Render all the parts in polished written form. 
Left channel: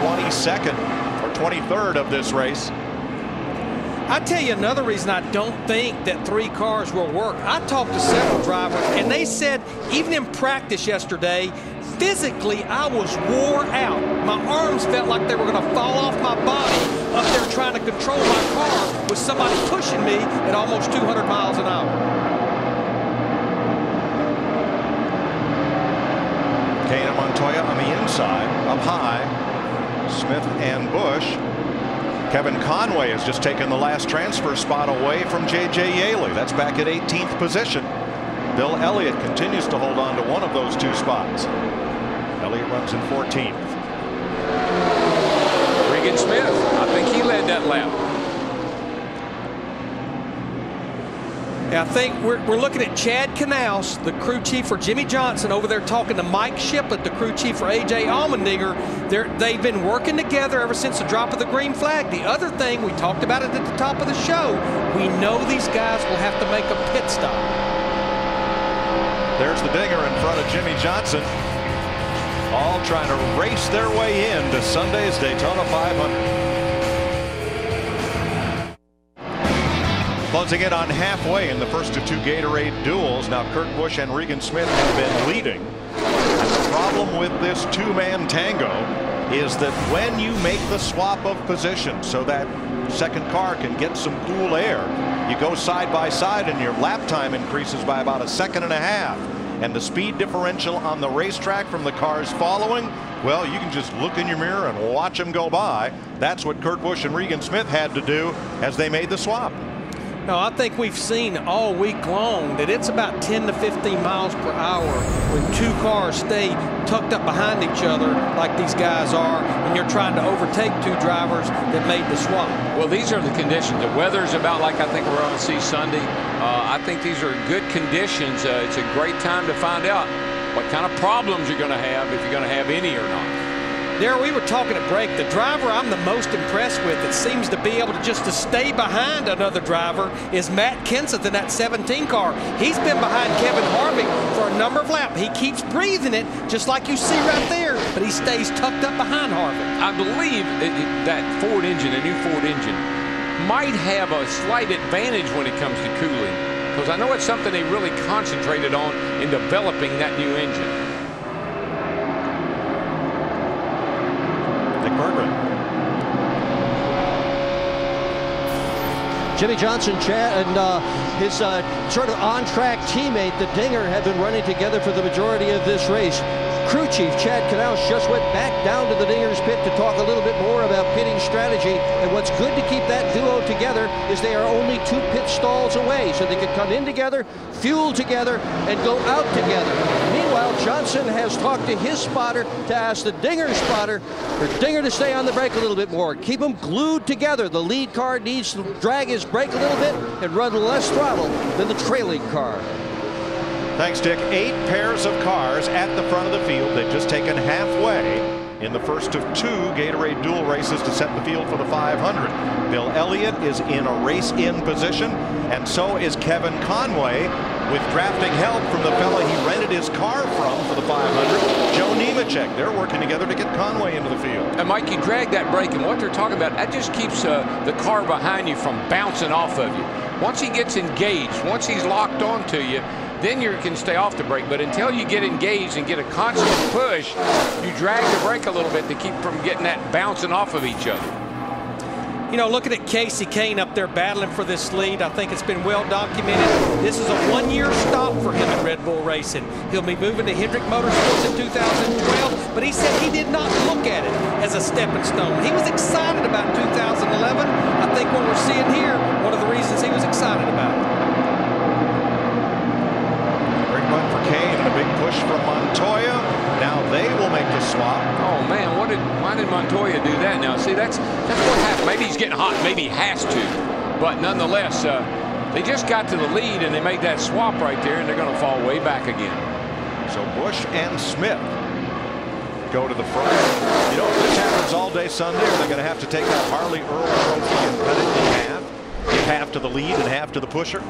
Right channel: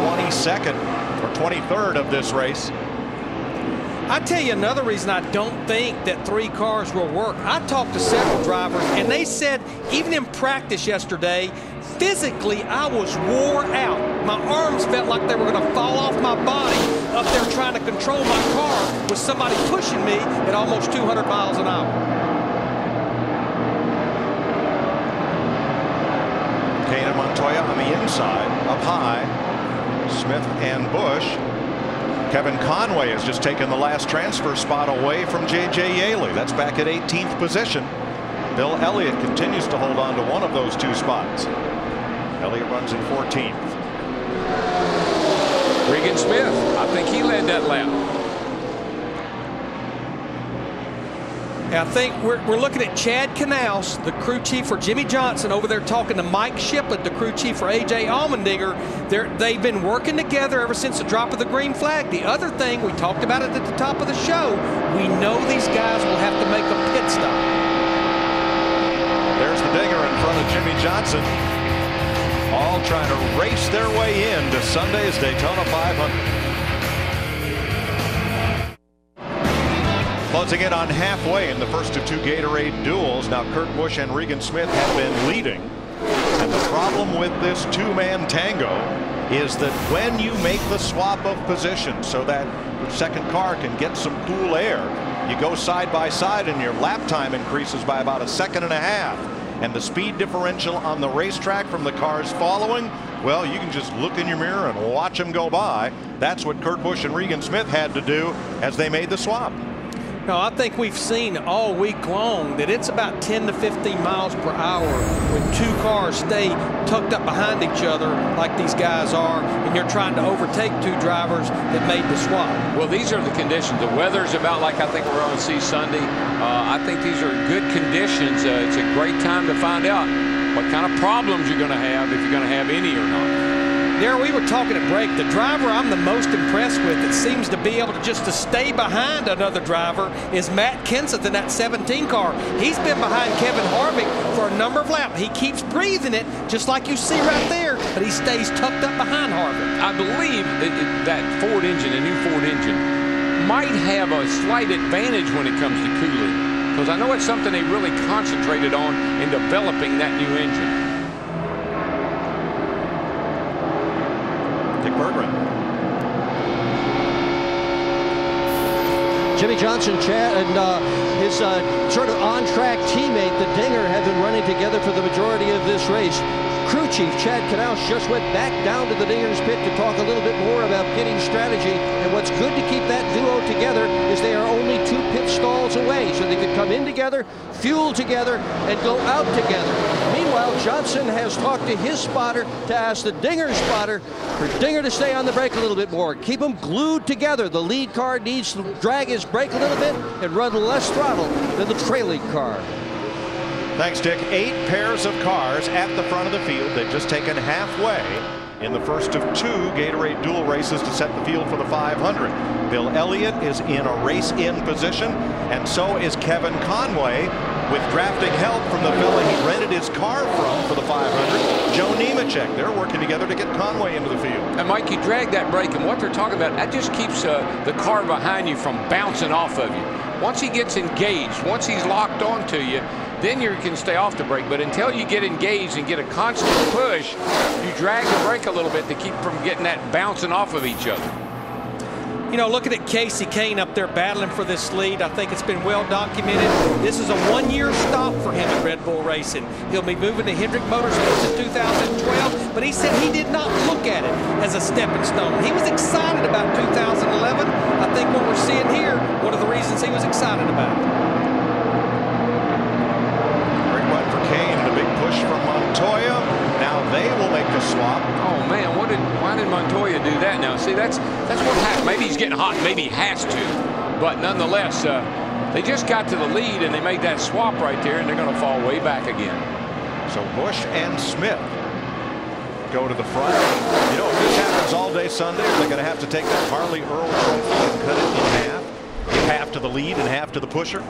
22nd or 23rd of this race. I tell you another reason I don't think that 3 cars will work. I talked to several drivers, and they said even in practice yesterday, physically I was wore out. My arms felt like they were going to fall off my body up there trying to control my car with somebody pushing me at almost 200 miles an hour. Kane and Montoya on the inside, up high. Smith and Busch. Kevin Conway has just taken the last transfer spot away from J.J. Yaley. That's back at 18th position. Bill Elliott continues to hold on to one of those 2 spots. Elliott runs in 14th. Regan Smith, I think he led that lap. I think we're looking at Chad Knaus, the crew chief for Jimmy Johnson, over there talking to Mike Shiplett, the crew chief for A.J. Allmendinger. They've been working together ever since the drop of the green flag. The other thing, we talked about it at the top of the show, we know these guys will have to make a pit stop. There's the Dinger in front of Jimmy Johnson, all trying to race their way into Sunday's Daytona 500. Closing in on halfway in the first of 2 Gatorade duels. Now Kurt Busch and Regan Smith have been leading. And the problem with this 2-man tango is that when you make the swap of position so that second car can get some cool air, you go side by side and your lap time increases by about 1.5 seconds. And the speed differential on the racetrack from the cars following, well, you can just look in your mirror and watch them go by. That's what Kurt Busch and Regan Smith had to do as they made the swap. No, I think we've seen all week long that it's about 10 to 15 miles per hour when 2 cars stay tucked up behind each other like these guys are, and you're trying to overtake 2 drivers that made the swap. Well, these are the conditions. The weather's about like I think we're going to see Sunday. I think these are good conditions. It's a great time to find out what kind of problems you're going to have, if you're going to have any or not. There, we were talking at break. The driver I'm the most impressed with that seems to be able to just to stay behind another driver is Matt Kenseth in that 17 car. He's been behind Kevin Harvick for a number of laps. He keeps breathing it, just like you see right there, but he stays tucked up behind Harvick. I believe that Ford engine, a new Ford engine, might have a slight advantage when it comes to cooling, because I know it's something they really concentrated on in developing that new engine. Dick Berggren. Jimmy Johnson, Chad, and his sort of on-track teammate, the Dinger, have been running together for the majority of this race. Crew chief Chad Knaus just went back down to the Dinger's pit to talk a little bit more about pitting strategy. And what's good to keep that duo together is they are only 2 pit stalls away, so they could come in together, fuel together, and go out together. Meanwhile, Johnson has talked to his spotter to ask the Dinger spotter for Dinger to stay on the brake a little bit more. Keep them glued together. The lead car needs to drag his brake a little bit and run less throttle than the trailing car. Thanks, Dick. 8 pairs of cars at the front of the field. They've just taken halfway in the first of 2 Gatorade Duel races to set the field for the 500. Bill Elliott is in a race-in position, and so is Kevin Conway, with drafting help from the fella he rented his car from for the 500, Joe Nemechek. They're working together to get Conway into the field. And Mike, you drag that brake, and what they're talking about, that just keeps the car behind you from bouncing off of you. Once he gets engaged, once he's locked onto you, then you can stay off the brake. But until you get engaged and get a constant push, you drag the brake a little bit to keep from getting that bouncing off of each other. You know, looking at Casey Kane up there battling for this lead, I think it's been well documented. This is a 1-year stop for him at Red Bull Racing. He'll be moving to Hendrick Motorsports in 2012, but he said he did not look at it as a stepping stone. He was excited about 2011. I think what we're seeing here, one of the reasons he was excited about it. Great run for Kane, the big push from Montoya. Now they will make the swap. Oh man, why did Montoya do that now? See, that's what happened. Maybe he's getting hot, maybe he has to. But nonetheless, they just got to the lead and they made that swap right there, and they're going to fall way back again. So Busch and Smith go to the front. You know, if this happens all day Sunday, are they going to have to take that Harley Earl trophy and cut it in half? Give half to the lead and half to the pusher?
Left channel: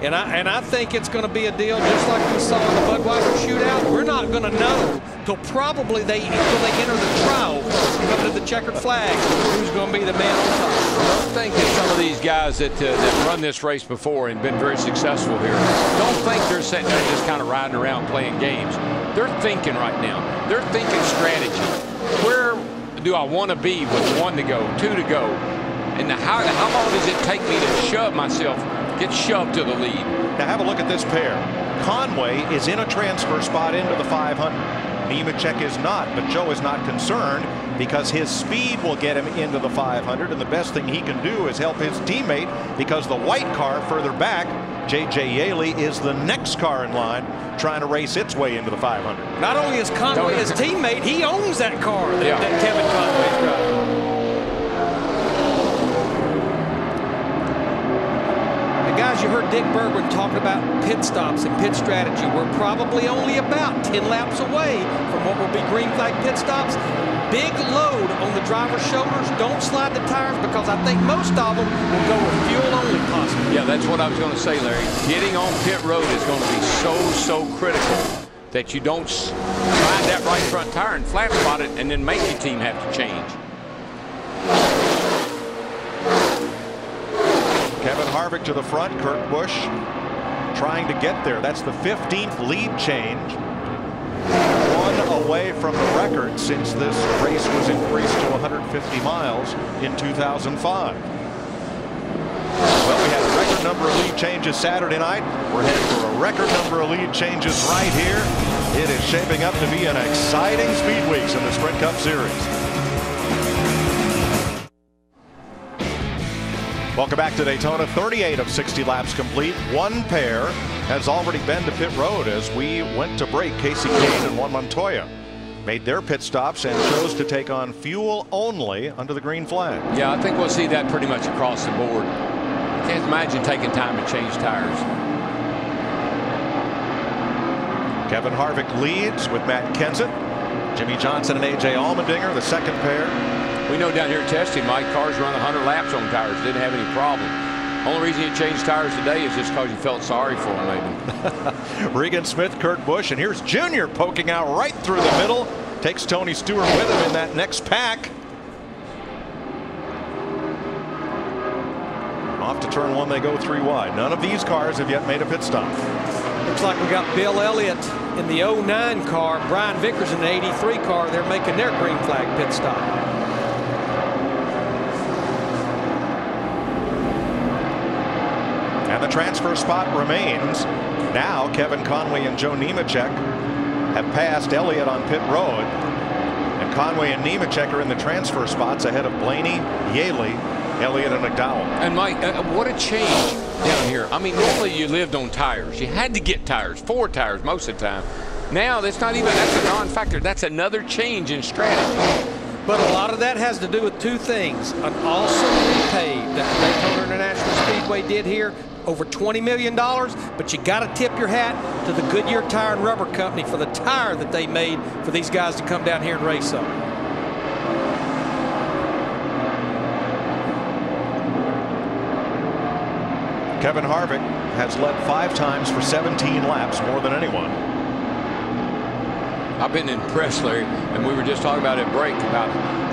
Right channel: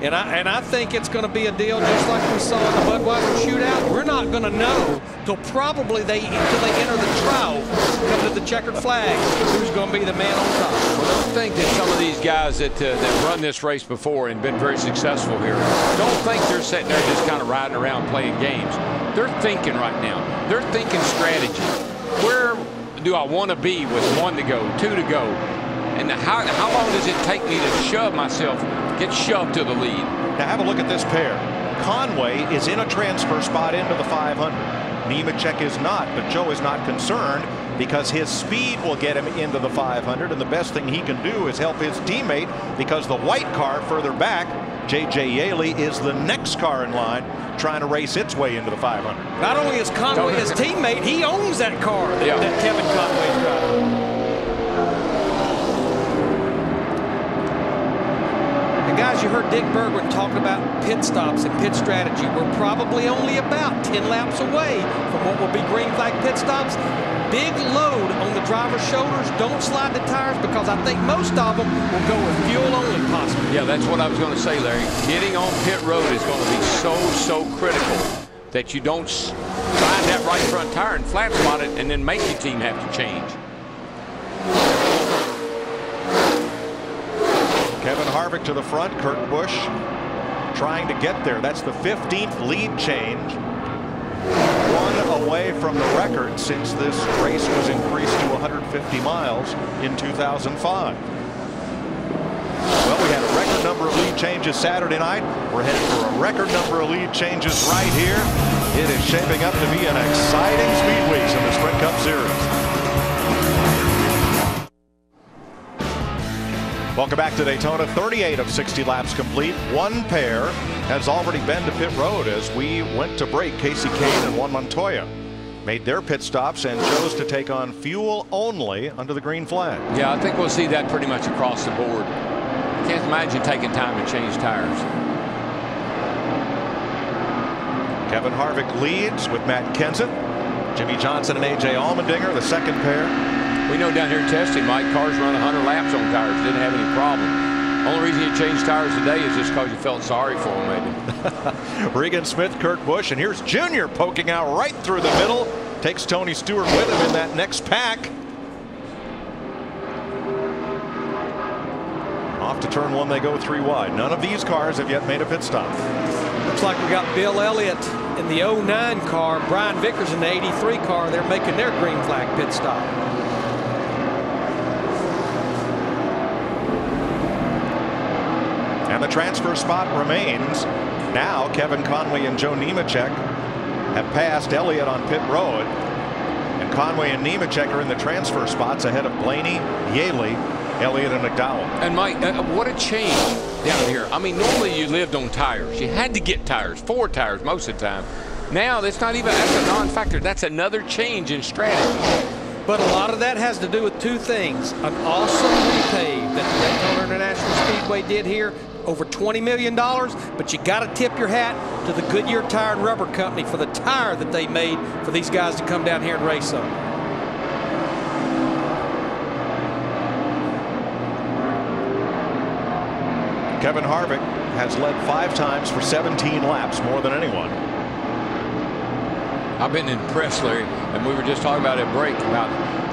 And I think it's going to be a deal just like we saw in the Budweiser shootout. We're not going to know till probably they enter the trial, come to the checkered flag, who's going to be the man on top. Well, don't think that some of these guys that run this race before and been very successful here, don't think they're sitting there just kind of riding around playing games. They're thinking right now. They're thinking strategy. Where do I want to be with 1 to go, 2 to go? And how long does it take me to shove myself, get shoved to the lead? Now have a look at this pair. Conway is in a transfer spot into the 500. Nemechek is not, but Joe is not concerned because his speed will get him into the 500, and the best thing he can do is help his teammate because the white car further back, J.J. Yaley, is the next car in line trying to race its way into the 500. Not only is Conway his teammate, he owns that car that Kevin Conway's driving. And guys, you heard Dick Bergman talking about pit stops and pit strategy. We're probably only about 10 laps away from what will be green flag pit stops. Big load on the driver's shoulders. Don't slide the tires because I think most of them will go with fuel only possibly. Yeah, that's what I was going to say, Larry. Getting on pit road is going to be so critical that you don't slide that right front tire and flat spot it and then make your team have to change. Kevin Harvick to the front. Kurt Busch trying to get there. That's the 15th lead change. 1 away from the record since this race was increased to 150 miles in 2005. Well, we had a record number of lead changes Saturday night. We're headed for a record number of lead changes right here. It is shaping up to be an exciting speed weeks in the Sprint Cup Series. Welcome back to Daytona. 38 of 60 laps complete. One pair has already been to pit road as we went to break. Casey Kane and Juan Montoya made their pit stops and chose to take on fuel only under the green flag. Yeah, I think we'll see that pretty much across the board. Can't imagine taking time to change tires. Kevin Harvick leads with Matt Kenseth. Jimmy Johnson and A.J. Allmendinger, the second pair. We know down here testing, Mike, cars run 100 laps on tires. Didn't have any problem. Only reason you changed tires today is just because you felt sorry for them, maybe. Regan Smith, Kurt Busch, and here's Junior poking out right through the middle. Takes Tony Stewart with him in that next pack. Off to turn 1 they go 3 wide. None of these cars have yet made a pit stop. Looks like we got Bill Elliott in the 09 car, Brian Vickers in the 83 car. They're making their green flag pit stop. And the transfer spot remains. Now Kevin Conway and Joe Nemechek have passed Elliott on pit road. And Conway and Nemechek are in the transfer spots ahead of Blaney, Yaley, Elliott, and McDowell. And Mike, what a change down here. I mean, normally you lived on tires. You had to get tires, 4 tires most of the time. Now that's not even, that's a non-factor. That's another change in strategy. But a lot of that has to do with 2 things. An awesome repave that the Daytona International Speedway did here, over $20 million. But you got to tip your hat to the Goodyear Tire and Rubber Company for the tire that they made for these guys to come down here and race on. Kevin Harvick has led 5 times for 17 laps, more than anyone. I've been impressed, Larry, and we were just talking about at break about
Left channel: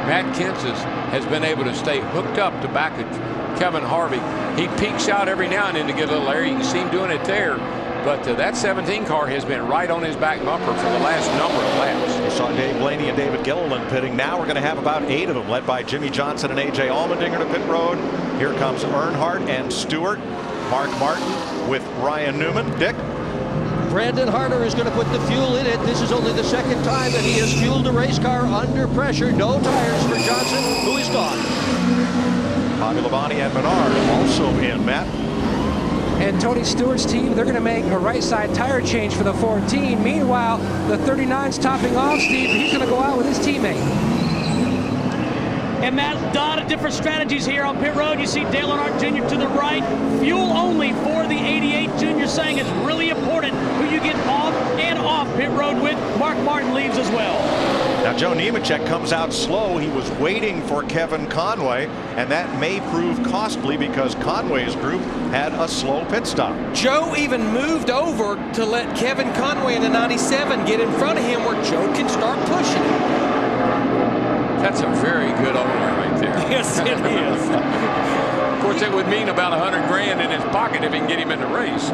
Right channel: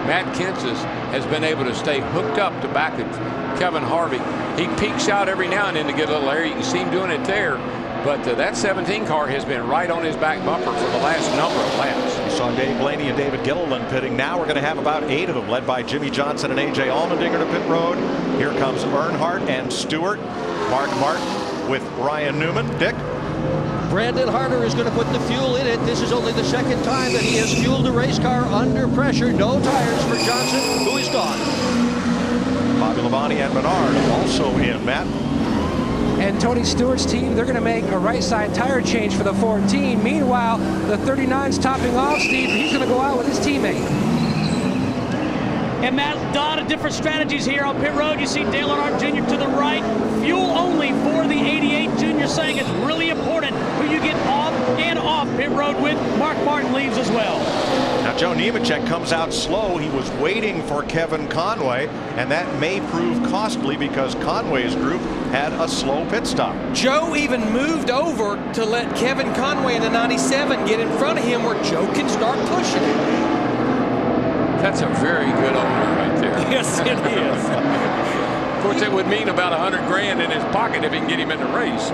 Matt Kenseth has been able to stay hooked up to back of Kevin Harvick. He peeks out every now and then to get a little air. You can see him doing it there. But that 17 car has been right on his back bumper for the last number of laps. You saw Dave Blaney and David Gilliland pitting. Now we're going to have about 8 of them, led by Jimmy Johnson and A.J. Allmendinger to pit road. Here comes Earnhardt and Stewart. Mark Martin with Ryan Newman. Dick? Brandon Harder is going to put the fuel in it. This is only the 2nd time that he has fueled a race car under pressure. No tires for Johnson, who is gone. Bobby Labonte and Menard also in. Matt? And Tony Stewart's team, they're going to make a right side tire change for the 14. Meanwhile, the 39's topping off. Steve, he's going to go out with his teammate. And Matt, a lot of different strategies here on pit road. You see Dale Earnhardt Jr. to the right. Fuel only for the 88 Junior, saying it's really important who you get off and off pit road with. Mark Martin leaves as well. Now Joe Nemechek comes out slow. He was waiting for Kevin Conway, and that may prove costly because Conway's group had a slow pit stop. Joe even moved over to let Kevin Conway in the 97 get in front of him where Joe can start pushing him. That's a very good owner right there. Yes, it is. Of course, it would mean about $100 grand in his pocket if he can get him in the race.